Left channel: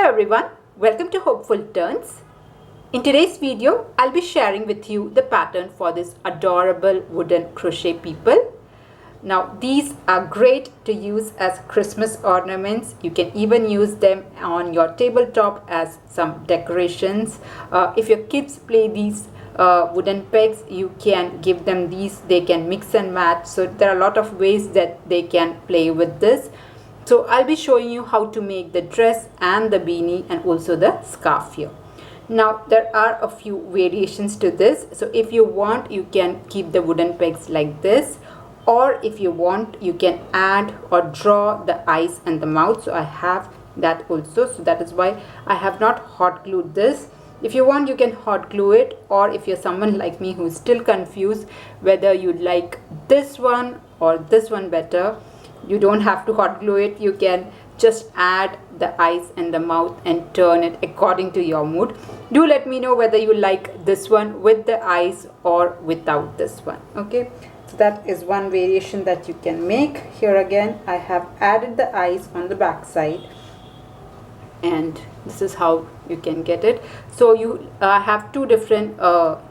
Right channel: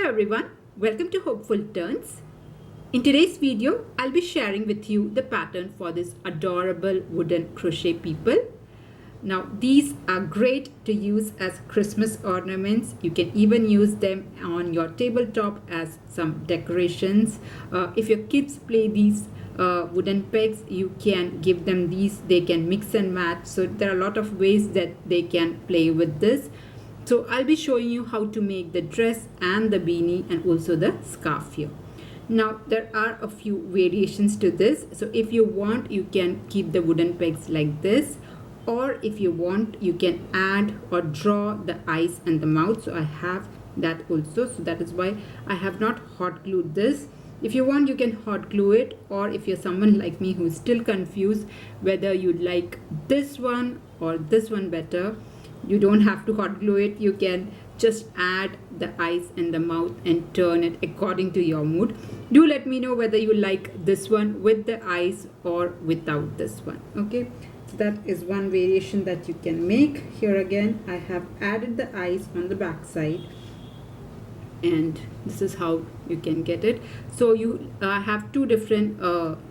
Hello everyone, welcome to Hopeful Turns. In today's video, I'll be sharing with you the pattern for this adorable wooden crochet people. Now these are great to use as Christmas ornaments. You can even use them on your tabletop as some decorations. If your kids play these wooden pegs, you can give them these. They can mix and match. So there are a lot of ways that they can play with this. So I'll be showing you how to make the dress and the beanie and also the scarf here. Now there are a few variations to this. So if you want, you can keep the wooden pegs like this, or if you want, you can add or draw the eyes and the mouth. So I have that also. So that is why I have not hot glued this. If you want, you can hot glue it, or if you're someone like me who's still confused whether you'd like this one or this one better, you don't have to hot glue it. You can just add the eyes and the mouth and turn it according to your mood. Do let me know whether you like this one with the eyes or without this one. Okay, so that is one variation that you can make. Here again, I have added the eyes on the back side, and this is how you can get it. So you have two different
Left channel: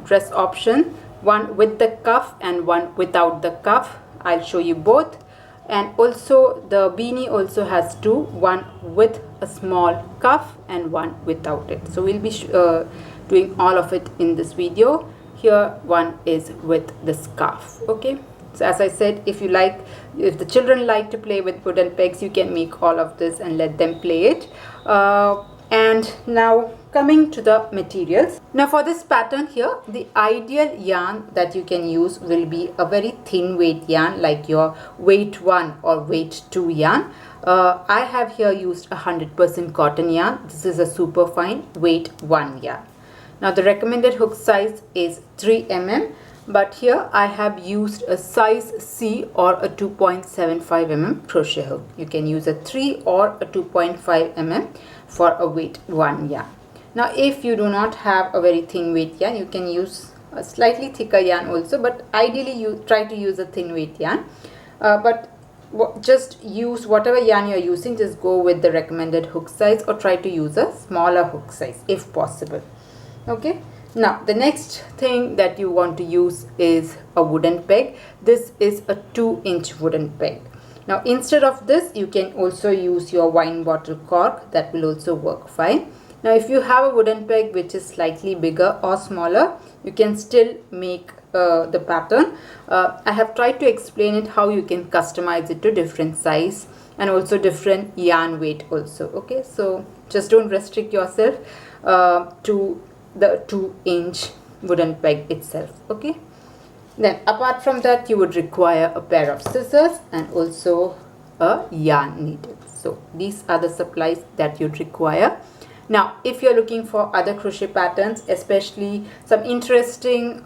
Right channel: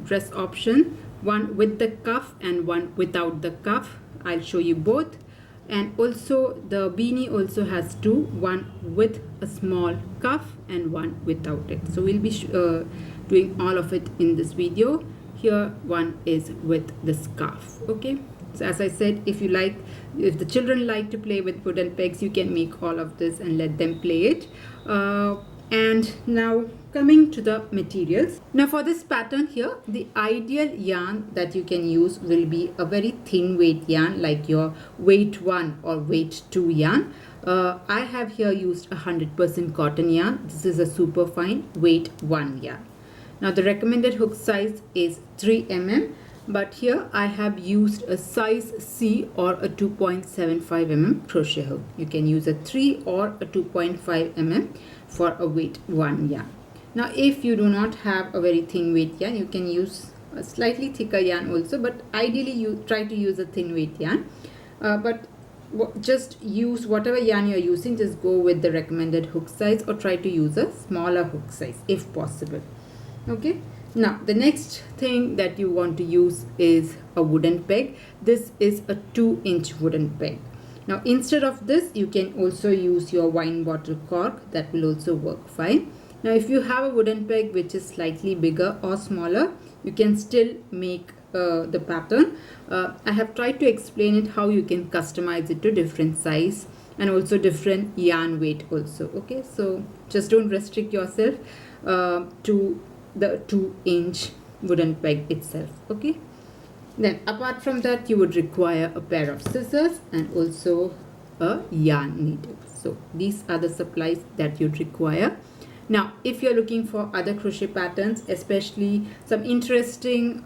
dress options, one with the cuff and one without the cuff. I'll show you both. And also the beanie also has two, one with a small cuff and one without it. So we'll be doing all of it in this video. Here one is with the scarf. Okay, so as I said, if the children like to play with wooden pegs, you can make all of this and let them play it. And now coming to the materials. Now for this pattern here, the ideal yarn that you can use will be a very thin weight yarn, like your weight 1 or weight 2 yarn. I have here used 100% cotton yarn. This is a super fine weight 1 yarn. Now the recommended hook size is 3 mm, but here I have used a size C or a 2.75 mm crochet hook. You can use a 3 or a 2.5 mm for a weight 1 yarn. Now if you do not have a very thin weight yarn, you can use a slightly thicker yarn also, but ideally you try to use a thin weight yarn. But just use whatever yarn you're using, just go with the recommended hook size, or try to use a smaller hook size if possible. Okay, now the next thing that you want to use is a wooden peg. This is a 2-inch wooden peg. Now instead of this, you can also use your wine bottle cork. That will also work fine. Now if you have a wooden peg which is slightly bigger or smaller, you can still make the pattern. I have tried to explain it how you can customize it to different size and also different yarn weight also. Okay, so just don't restrict yourself to the 2-inch wooden peg itself. Okay, then apart from that, you would require a pair of scissors and also a yarn needle. So these are the supplies that you'd require. Now if you're looking for other crochet patterns, especially some interesting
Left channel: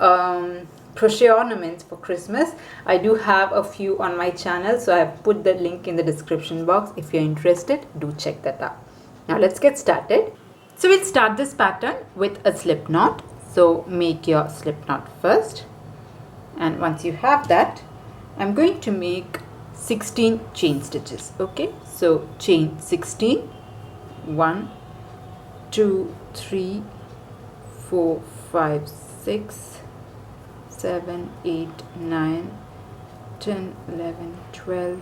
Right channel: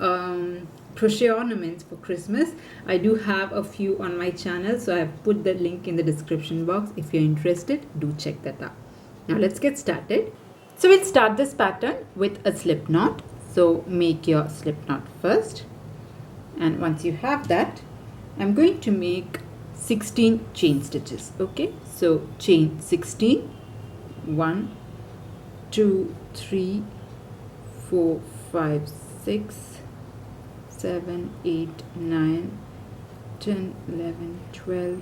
crochet ornaments for Christmas, I do have a few on my channel, so I have put the link in the description box. If you're interested, do check that out. Now let's get started. So we'll start this pattern with a slip knot. So make your slip knot first, and once you have that, I'm going to make 16 chain stitches. Okay, so chain 16, 1, 2, 3, 4, 5, 6, 7, 8, 9, 10, 11, 12,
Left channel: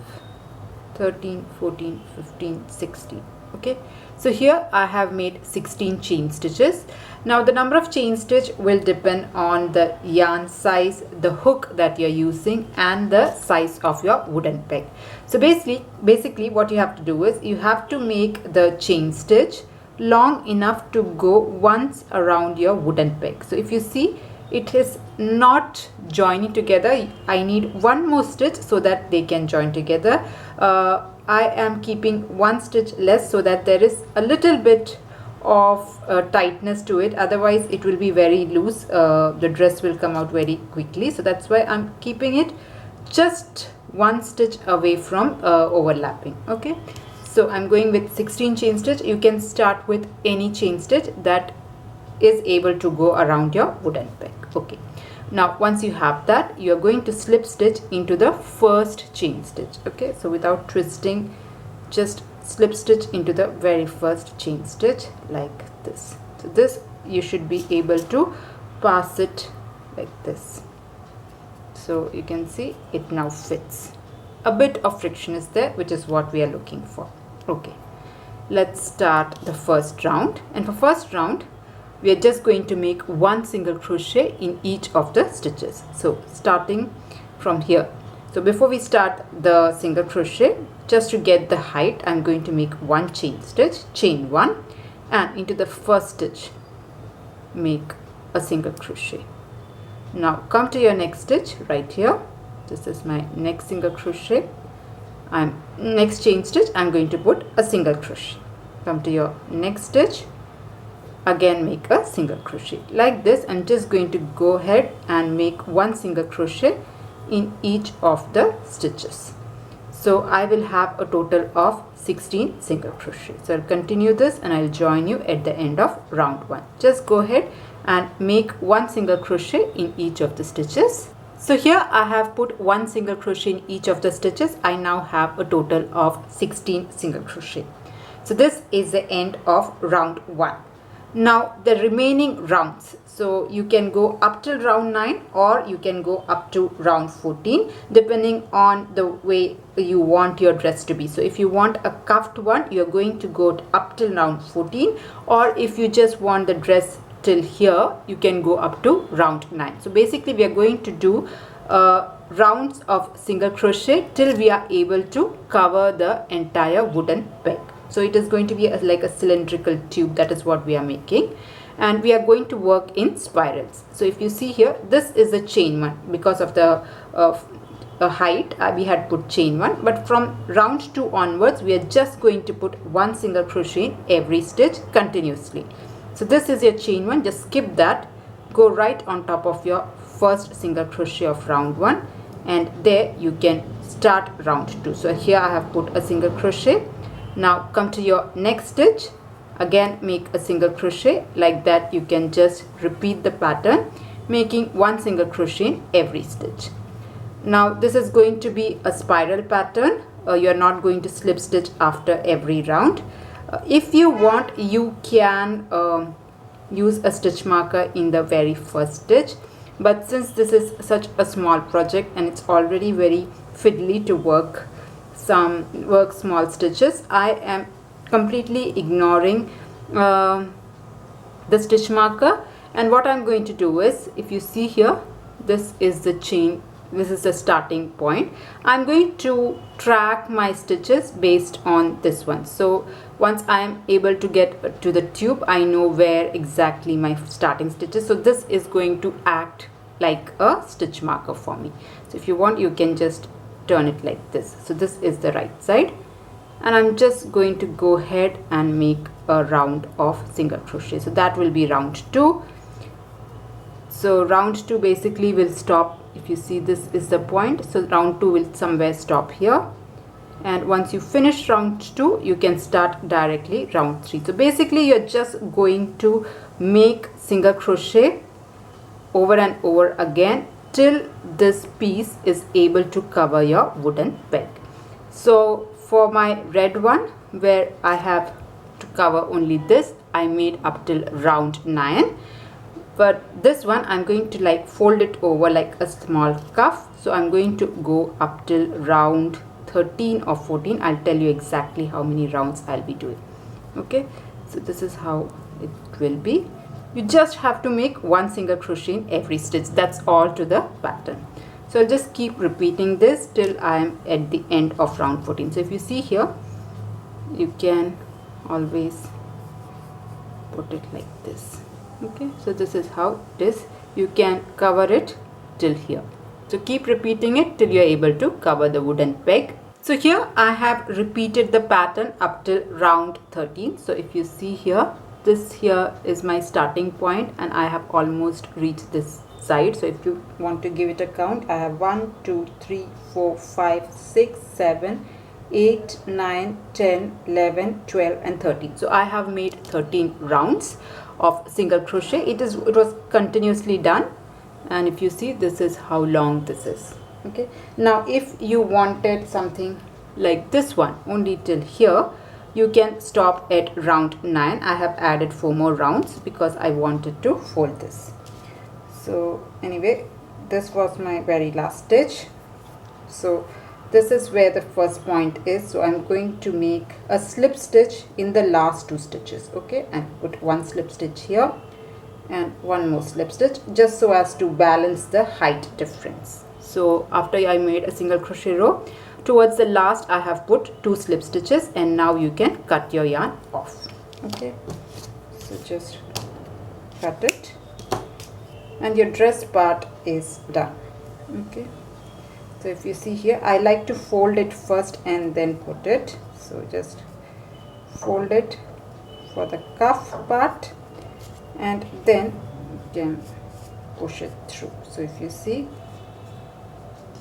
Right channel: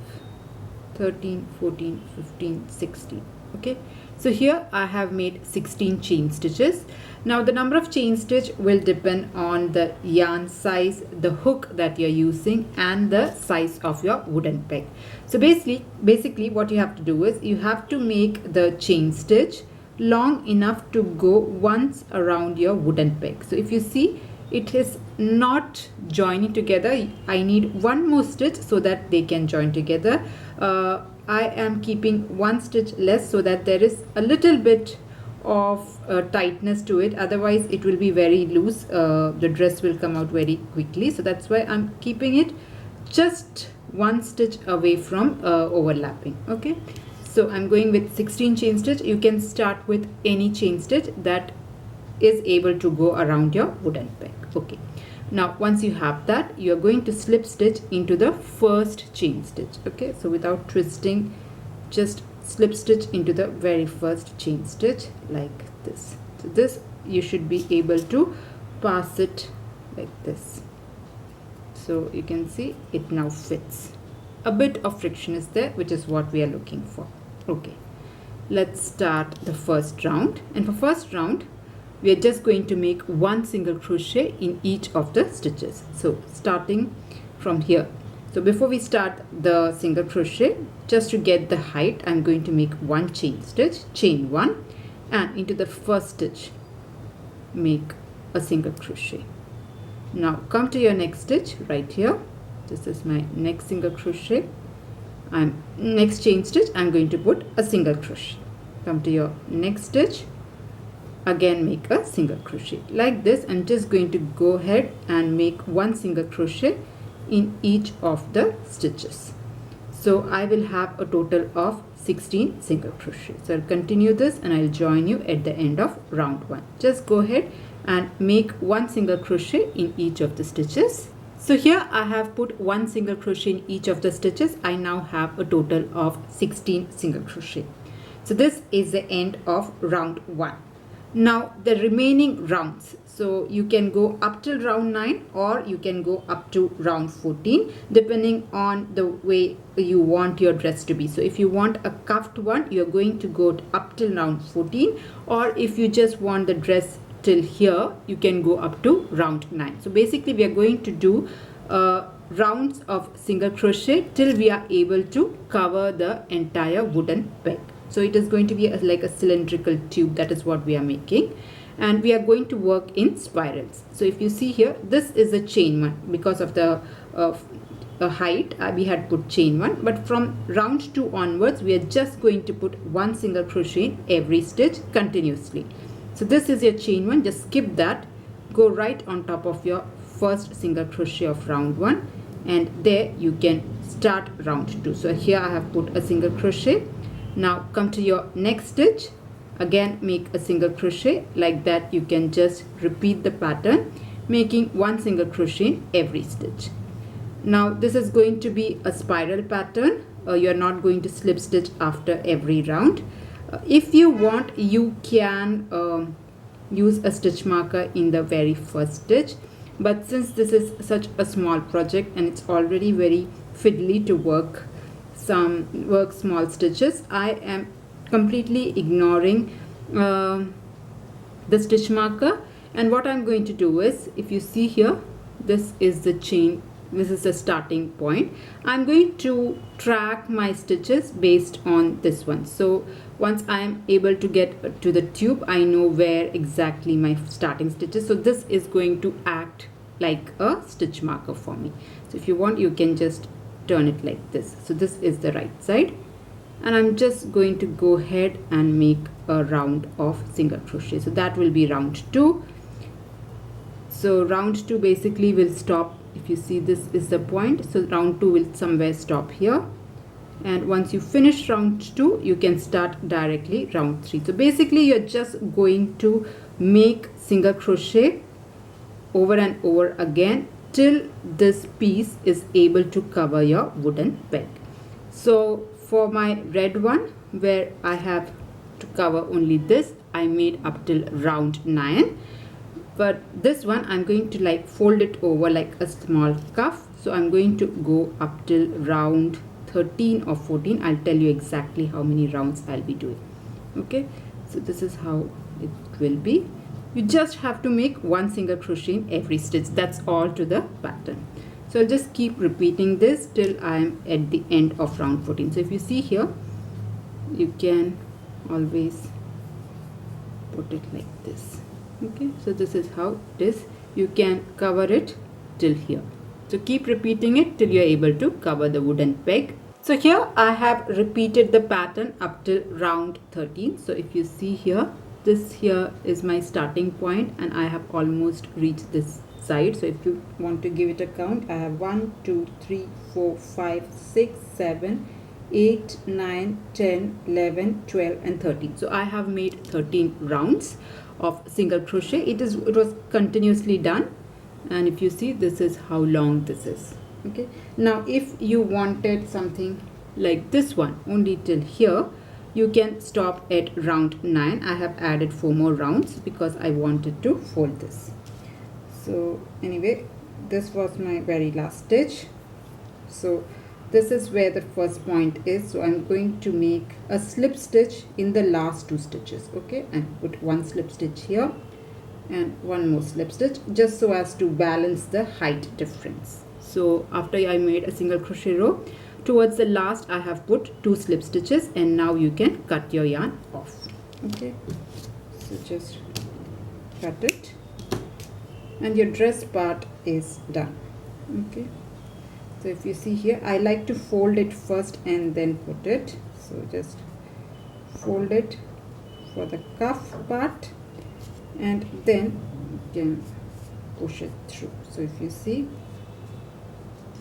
13, 14, 15, 16. Okay, so here I have made 16 chain stitches. Now the number of chain stitch will depend on the yarn size, the hook that you're using, and the size of your wooden peg. So basically what you have to do is you have to make the chain stitch long enough to go once around your wooden peg. So if you see, it is not joining together. I need one more stitch so that they can join together. I am keeping one stitch less so that there is a little bit of tightness to it, otherwise it will be very loose. The dress will come out very quickly, so that's why I'm keeping it just one stitch away from overlapping. Okay, so I'm going with 16 chain stitch. You can start with any chain stitch that is able to go around your wooden peg. Okay, now once you have that, you are going to slip stitch into the first chain stitch. Okay, so without twisting, just slip stitch into the very first chain stitch like this. So this you should be able to pass it like this. So you can see it now fits. A bit of friction is there, which is what we are looking for. Okay, let's start the first round. And for first round, we are just going to make one single crochet in each of the stitches. So starting from here. So before we start the single crochet, just to get the height, I'm going to make one chain stitch, chain one, and into the first stitch make a single crochet. Now come to your next stitch right here. This is my next single crochet. Next chain stitch, I'm going to put a single crochet. Come to your next stitch, again make a single crochet like this. I'm just going to go ahead and make one single crochet in each of the stitches. So I will have a total of 16 single crochet. So I'll continue this and I'll join you at the end of round 1. Just go ahead and make one single crochet in each of the stitches. So here I have put one single crochet in each of the stitches. I now have a total of 16 single crochet. So this is the end of round 1. Now the remaining rounds, so you can go up till round 9 or you can go up to round 14 depending on the way you want your dress to be. So if you want a cuffed one, you're going to go up till round 14, or if you just want the dress till here, you can go up to round 9. So basically we are going to do rounds of single crochet till we are able to cover the entire wooden peg. So it is going to be like a cylindrical tube. That is what we are making, and we are going to work in spirals. So if you see here, this is a chain one. Because of the height, we had put chain one, but from round 2 onwards we are just going to put one single crochet in every stitch continuously. So this is your chain one. Just skip that, go right on top of your first single crochet of round 1, and there you can start round 2. So here I have put a single crochet. Now come to your next stitch, again make a single crochet like that. You can just repeat the pattern, making one single crochet in every stitch. Now this is going to be a spiral pattern. You are not going to slip stitch after every round. If you want, you can use a stitch marker in the very first stitch, but since this is such a small project and it's already very fiddly to work small stitches, I am completely ignoring the stitch marker. And what I'm going to do is, if you see here, this is the chain, this is the starting point. I'm going to track my stitches based on this one. So once I am able to get to the tube, I know where exactly my starting stitches. So this is going to act like a stitch marker for me. So if you want, you can just turn it like this. So this is the right side, and I'm just going to go ahead and make a round of single crochet. So that will be round 2. So round 2 basically will stop. If you see, this is the point, so round 2 will somewhere stop here, and once you finish round 2 you can start directly round 3. So basically you're just going to make single crochet over and over again till this piece is able to cover your wooden peg. So for my red one, where I have to cover only this, I made up till round 9, but this one I'm going to like fold it over like a small cuff. So I'm going to go up till round 13 or 14. I'll tell you exactly how many rounds I'll be doing. Okay, so this is how it will be. You just have to make one single crochet in every stitch. That's all to the pattern. So I'll just keep repeating this till I am at the end of round 14. So if you see here, you can always put it like this. Okay, so this is how it is. You can cover it till here. So keep repeating it till you're able to cover the wooden peg. So here I have repeated the pattern up till round 13. So if you see here, this here is my starting point and I have almost reached this side. So if you want to give it a count, I have 1 2 3 4 5 6 7 8 9 10 11 12 and 13. So I have made 13 rounds of single crochet. It was continuously done, and if you see, this is how long this is. Okay, now if you wanted something like this one only till here, you can stop at round 9. I have added 4 more rounds because I wanted to fold this. So anyway, this was my very last stitch. So this is where the first point is. So I'm going to make a slip stitch in the last 2 stitches. Okay, and put 1 slip stitch here and 1 more slip stitch, just so as to balance the height difference. So after I made a single crochet row, towards the last I have put 2 slip stitches, and now you can cut your yarn off. Okay, so just cut it and your dress part is done. Okay, so if you see here, I like to fold it first and then put it. So just fold it for the cuff part and then you can push it through. So if you see,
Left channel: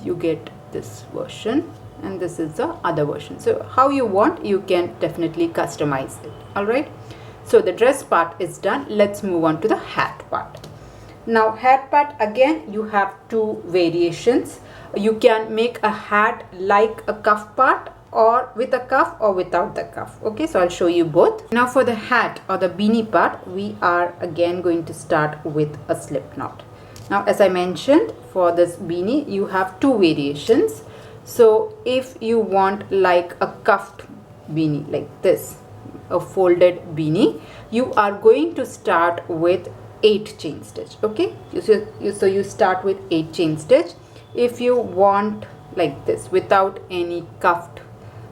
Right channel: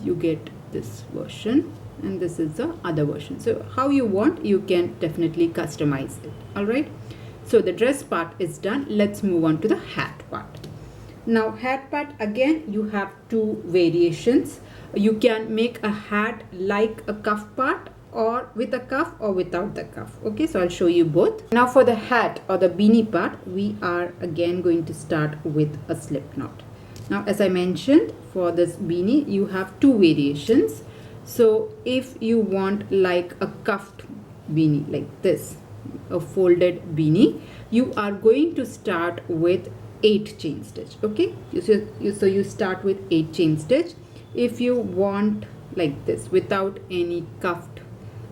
you get this version and this is the other version. So how you want, you can definitely customize it. All right, so the dress part is done. Let's move on to the hat part. Now hat part, again you have 2 variations. You can make a hat like a cuff part, or with a cuff or without the cuff. Okay, so I'll show you both. Now for the hat or the beanie part, we are again going to start with a slip knot. Now as I mentioned, for this beanie you have 2 variations. So if you want like a cuffed beanie like this, a folded beanie, you are going to start with 8 chain stitch. Okay, so you start with 8 chain stitch. If you want like this, without any cuffed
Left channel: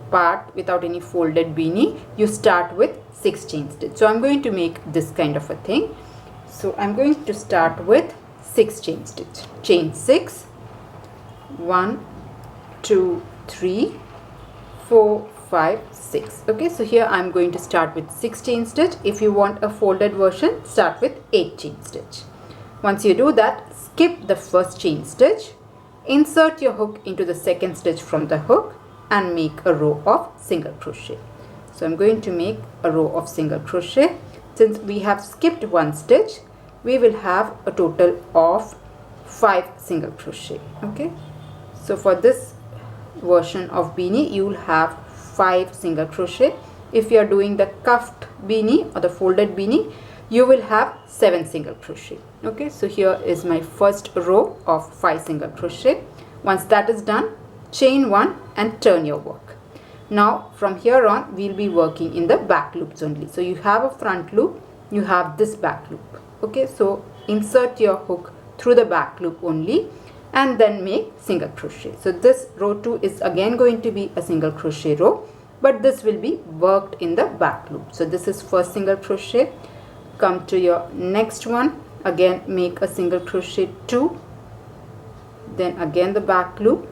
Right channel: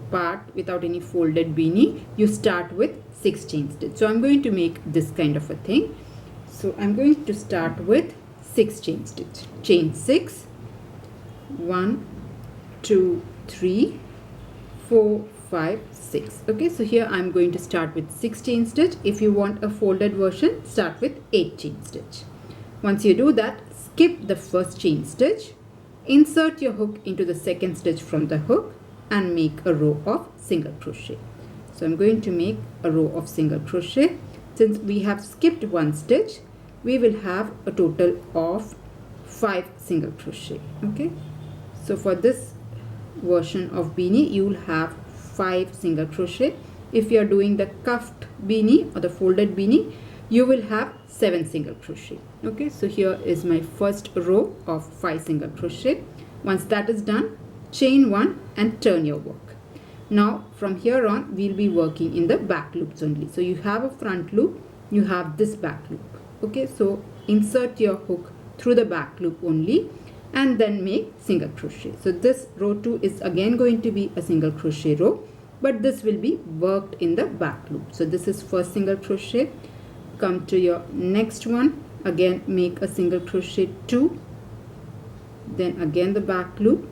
part, without any folded beanie, you start with 6 chain stitch. So I'm going to make this kind of a thing. So I'm going to start with 6 chain stitch. Chain 6, 1, 2, 3, 4, 5, 6. Okay, so here I'm going to start with 6 chain stitch. If you want a folded version, start with 8 chain stitch. Once you do that, skip the first chain stitch, insert your hook into the second stitch from the hook and make a row of single crochet. So I'm going to make a row of single crochet. Since we have skipped 1 stitch, we will have a total of 5 single crochet. Okay, so for this version of beanie, you will have 5 single crochet. If you are doing the cuffed beanie or the folded beanie, you will have 7 single crochet. Okay, so here is my first row of 5 single crochet. Once that is done, chain 1 and turn your work. Now from here on, we'll be working in the back loops only. So you have a front loop, you have this back loop. Okay, so insert your hook through the back loop only and then make single crochet. So this row 2 is again going to be a single crochet row, but this will be worked in the back loop. So this is first single crochet. Come to your next one, again make a single crochet 2, then again the back loop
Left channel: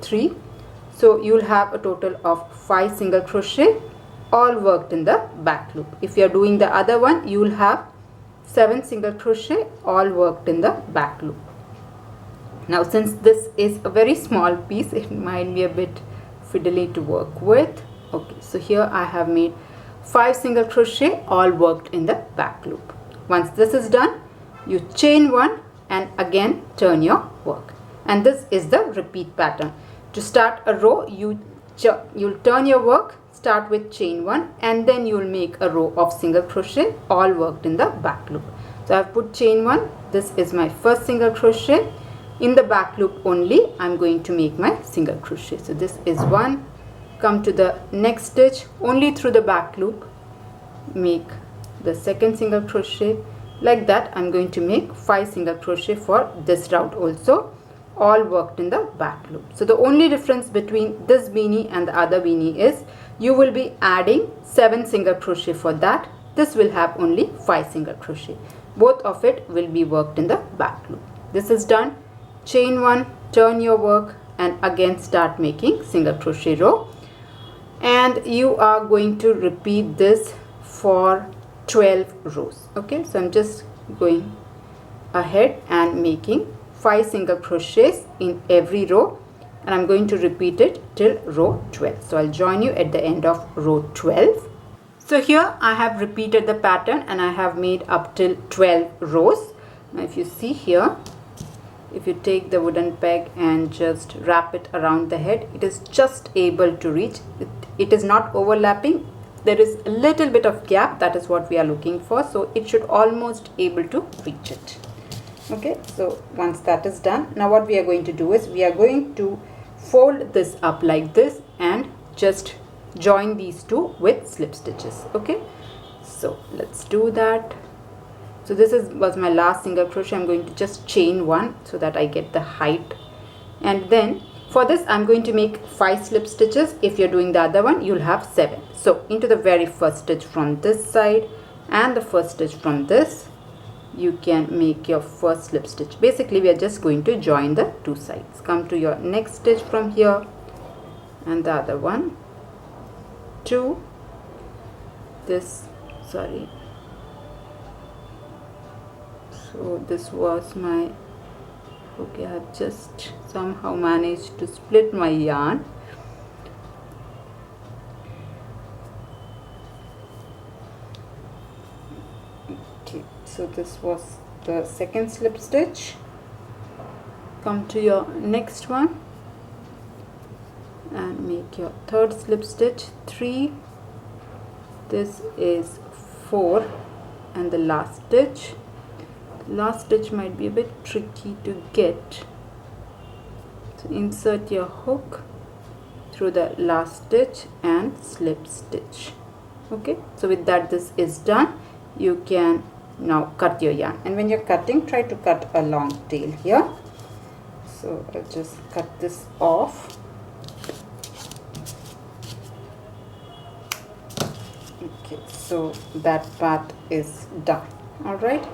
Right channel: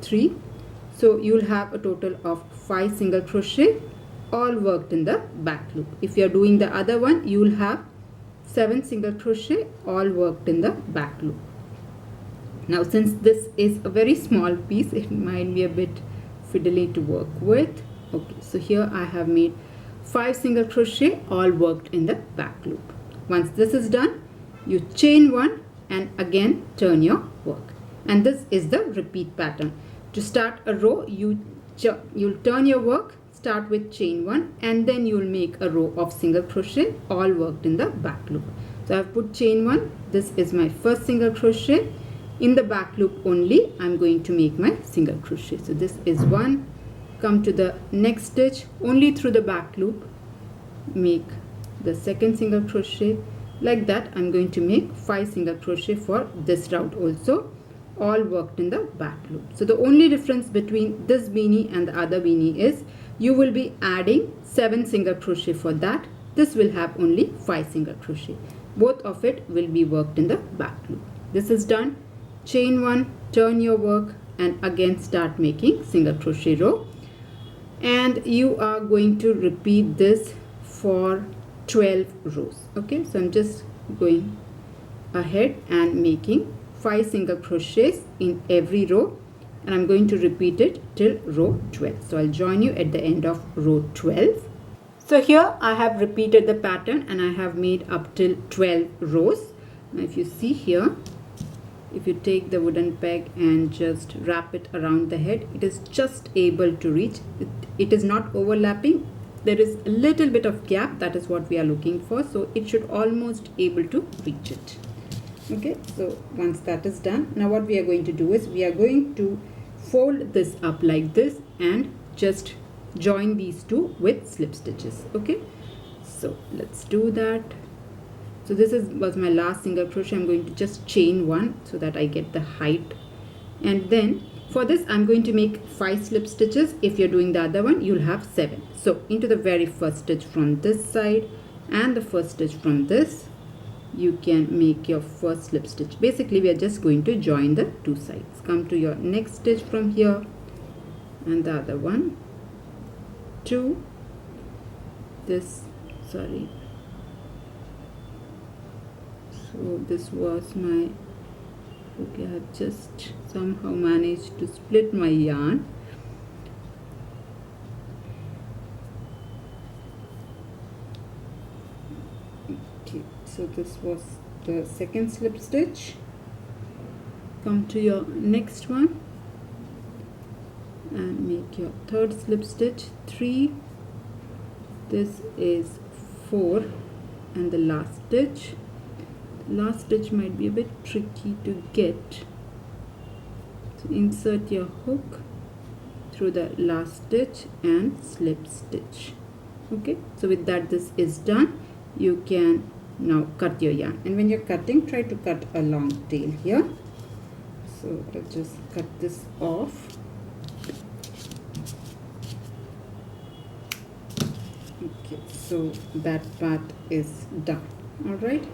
3. So you'll have a total of 5 single crochet, all worked in the back loop. If you're doing the other one, you'll have 7 single crochet, all worked in the back loop. Now since this is a very small piece, it might be a bit fiddly to work with. Okay, so here I have made 5 single crochet, all worked in the back loop. Once this is done, you chain 1 and again turn your work. And this is the repeat pattern. To start a row, you'll turn your work, start with chain 1 and then you'll make a row of single crochet, all worked in the back loop. So I've put chain 1. This is my first single crochet. In the back loop only, I'm going to make my single crochet. So this is 1. Come to the next stitch, only through the back loop, make the second single crochet. Like that, I'm going to make 5 single crochet for this round also, all worked in the back loop. So the only difference between this beanie and the other beanie is you will be adding 7 single crochet for that. This will have only 5 single crochet. Both of it will be worked in the back loop. This is done. Chain 1, turn your work and again start making single crochet row. And you are going to repeat this for 12 rows. Okay, so I'm just going ahead and making 5 single crochets in every row, and I'm going to repeat it till row 12. So I'll join you at the end of row 12. So here I have repeated the pattern and I have made up till 12 rows. Now if you see here, if you take the wooden peg and just wrap it around the head, it is just able to reach. It is not overlapping. there is a little bit of gap. That is what we are looking for. So it should almost able to reach it. Okay, so once that is done, now what we are going to do is we are going to fold this up like this and just join these two with slip stitches. Okay, so let's do that. So this was my last single crochet. I'm going to just chain one so that I get the height, and then for this I'm going to make 5 slip stitches. If you're doing the other one, you'll have 7. So into the very first stitch from this side and the first stitch from this, you can make your first slip stitch. Basically we are just going to join the two sides. Come to your next stitch from here and the other one, 2, this, sorry, so this was my, okay, I have just somehow managed to split my yarn. Okay, so this was the second slip stitch. Come to your next one and make your third slip stitch, 3, this is 4, and the last stitch. Last stitch might be a bit tricky to get, so insert your hook through the last stitch and slip stitch. Okay, so with that this is done. You can now cut your yarn, and when you're cutting, try to cut a long tail here. So I'll just cut this off. Okay, so that part is done. All right,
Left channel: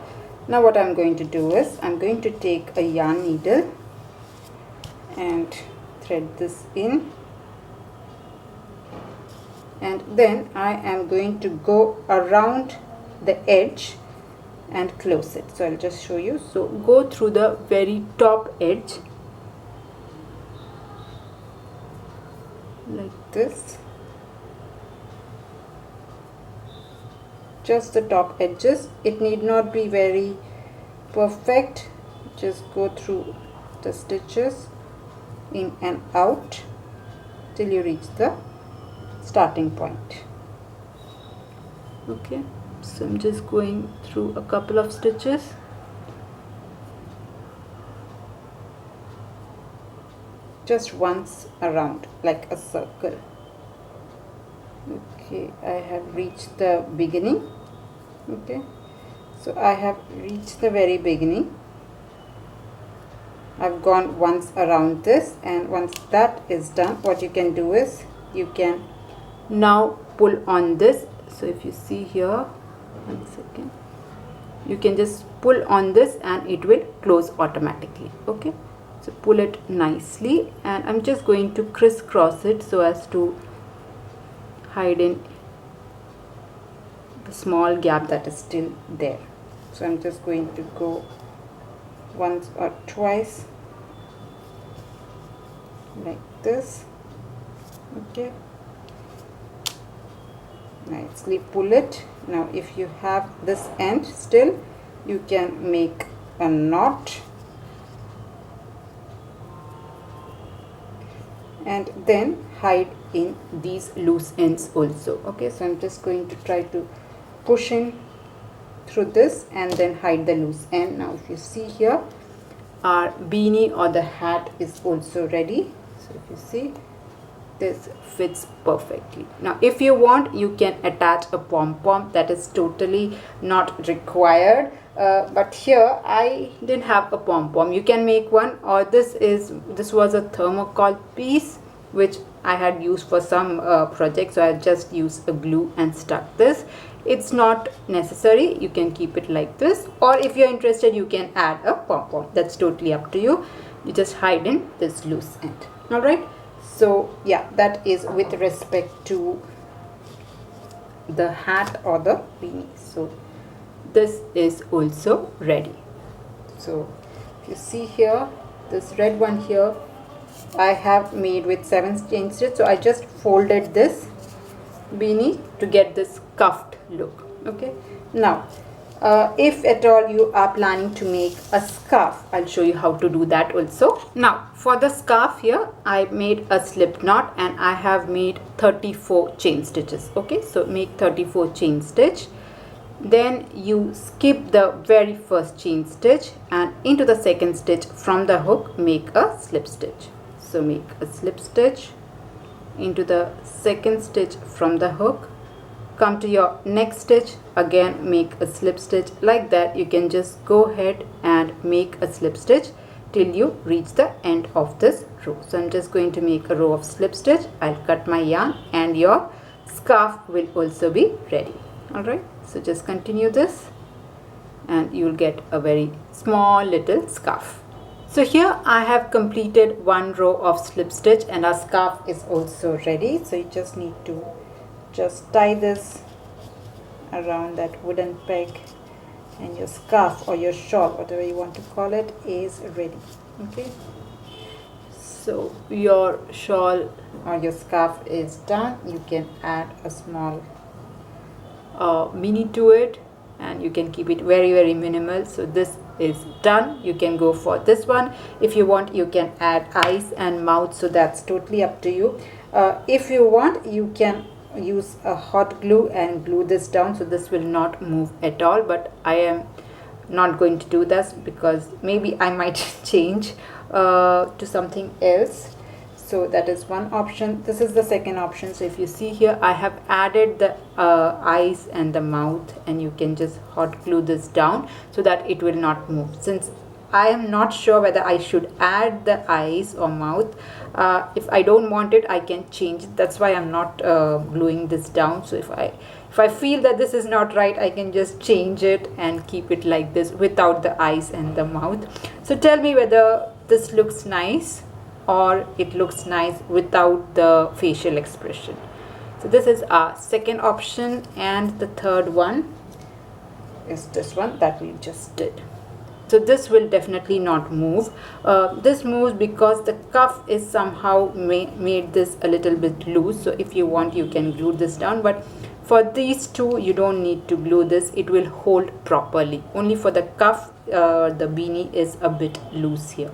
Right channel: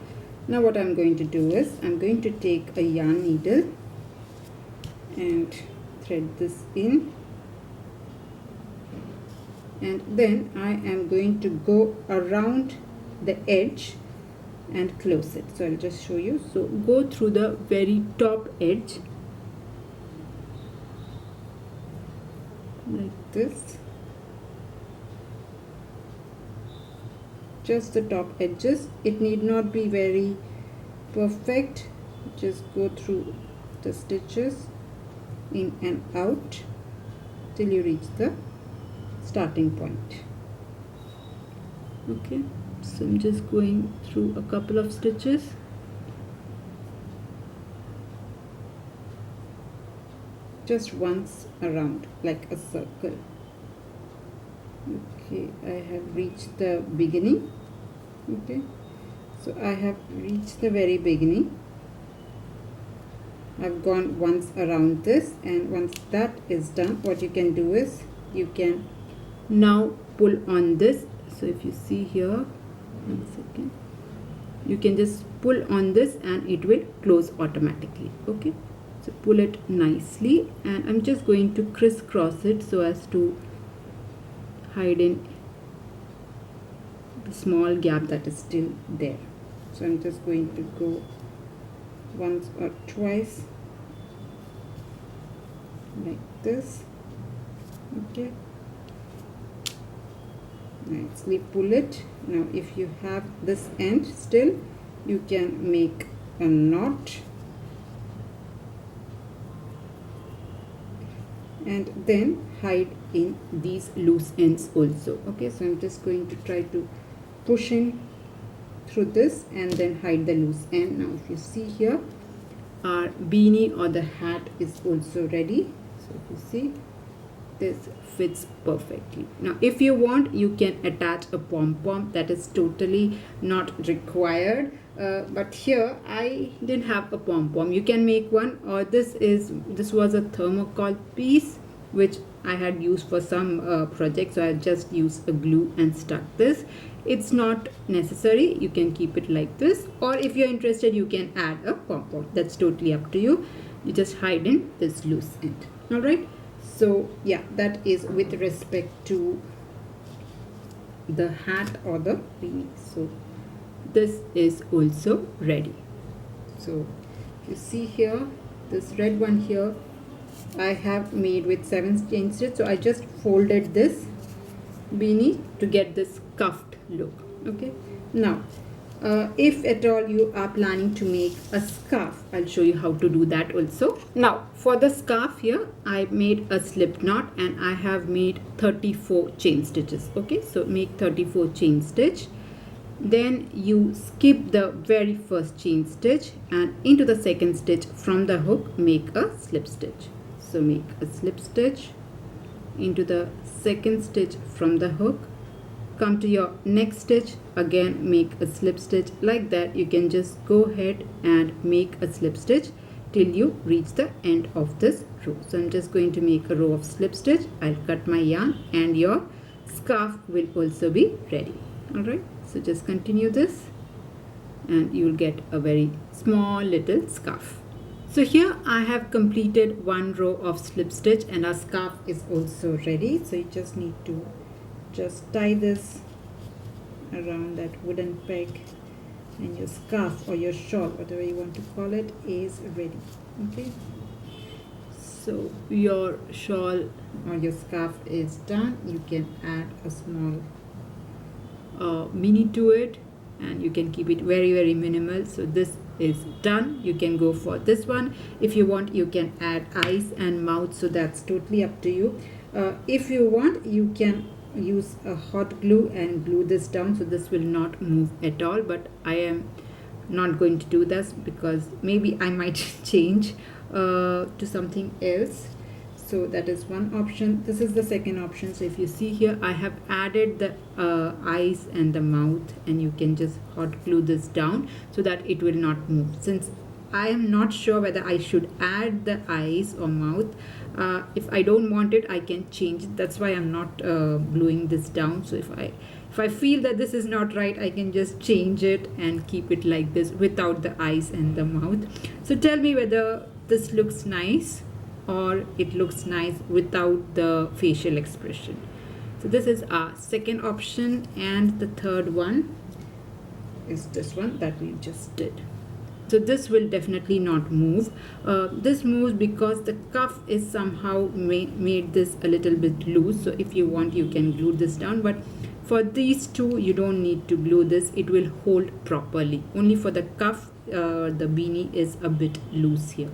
now what I'm going to do is I'm going to take a yarn needle and thread this in, and then I am going to go around the edge and close it. So I'll just show you. So go through the very top edge like this, just the top edges. It need not be very perfect, just go through the stitches in and out till you reach the starting point. Okay, so I'm just going through a couple of stitches. Just once around like a circle. Okay, I have reached the beginning. Okay, so I have reached the very beginning. I've gone once around this, and once that is done, what you can do is you can now pull on this. So if you see here, 1 second, you can just pull on this and it will close automatically. Okay, so pull it nicely, and I'm just going to crisscross it so as to hide in the small gap that is still there. So I'm just going to go once or twice like this. Okay, nicely pull it. Now if you have this end still, you can make a knot and then hide in these loose ends also. Okay, so I'm just going to try to push in through this and then hide the loose end. Now if you see here, our beanie or the hat is also ready. So if you see, this fits perfectly. Now if you want, you can attach a pom-pom. That is totally not required, but here I didn't have a pom-pom. You can make one, or this was a thermocol piece which I had used for some project, so I just used a glue and stuck this. It's not necessary, you can keep it like this, or if you're interested you can add a pom-pom. That's totally up to you. You just hide in this loose end. All right, so yeah, that is with respect to the hat or the beanie. So this is also ready. So if you see here, this red one here I have made with 7 chain stitches. So I just folded this beanie to get this cuffed look. Okay, now If at all you are planning to make a scarf, I'll show you how to do that also. Now for the scarf here, I made a slip knot and I have made 34 chain stitches. Okay, so make 34 chain stitch. Then you skip the very first chain stitch and into the second stitch from the hook make a slip stitch. So make a slip stitch into the second stitch from the hook. Come to your next stitch, again make a slip stitch. Like that you can just go ahead and make a slip stitch till you reach the end of this row. So I'm just going to make a row of slip stitch. I'll cut my yarn and your scarf will also be ready. Alright, so just continue this and you'll get a very small little scarf. So here I have completed one row of slip stitch and our scarf is also ready. So you just need to just tie this around that wooden peg and your scarf or your shawl, whatever you want to call it, is ready. Okay, so your shawl or your scarf is done. You can add a small mini to it and you can keep it very minimal. So this is done. You can go for this one. If you want, you can add eyes and mouth, so that's totally up to you. If you want, you can use a hot glue and glue this down so this will not move at all, but I am not going to do this because maybe I might change to something else. So that is one option. This is the second option. So if you see here, I have added the eyes and the mouth and you can just hot glue this down so that it will not move. Since I am not sure whether I should add the eyes or mouth. If I don't want it, I can change it. That's why I'm not gluing this down. So if I feel that this is not right, I can just change it and keep it like this without the eyes and the mouth. So tell me whether this looks nice or it looks nice without the facial expression. So this is our second option, and the third one is this one that we just did. So this will definitely not move. This moves because the cuff is somehow made this a little bit loose. So if you want, you can glue this down, but for these two you don't need to glue this. It will hold properly. Only for the cuff, the beanie is a bit loose here.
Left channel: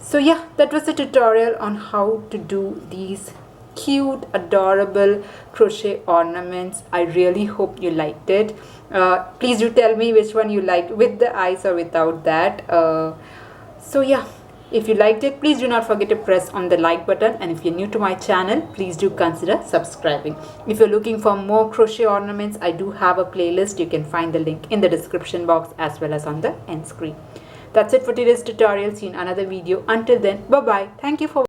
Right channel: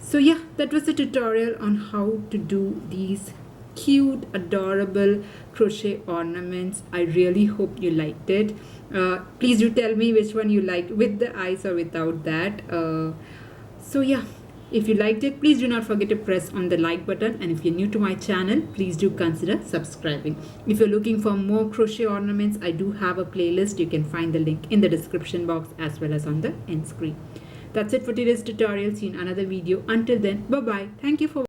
So yeah, that was the tutorial on how to do these cute, adorable crochet ornaments. I really hope you liked it. Please do tell me which one you liked, with the eyes or without that. So yeah, if you liked it, please do not forget to press on the like button, and if you're new to my channel, please do consider subscribing. If you're looking for more crochet ornaments, I do have a playlist. You can find the link in the description box as well as on the end screen. That's it for today's tutorial. See you in another video. Until then, bye bye. Thank you for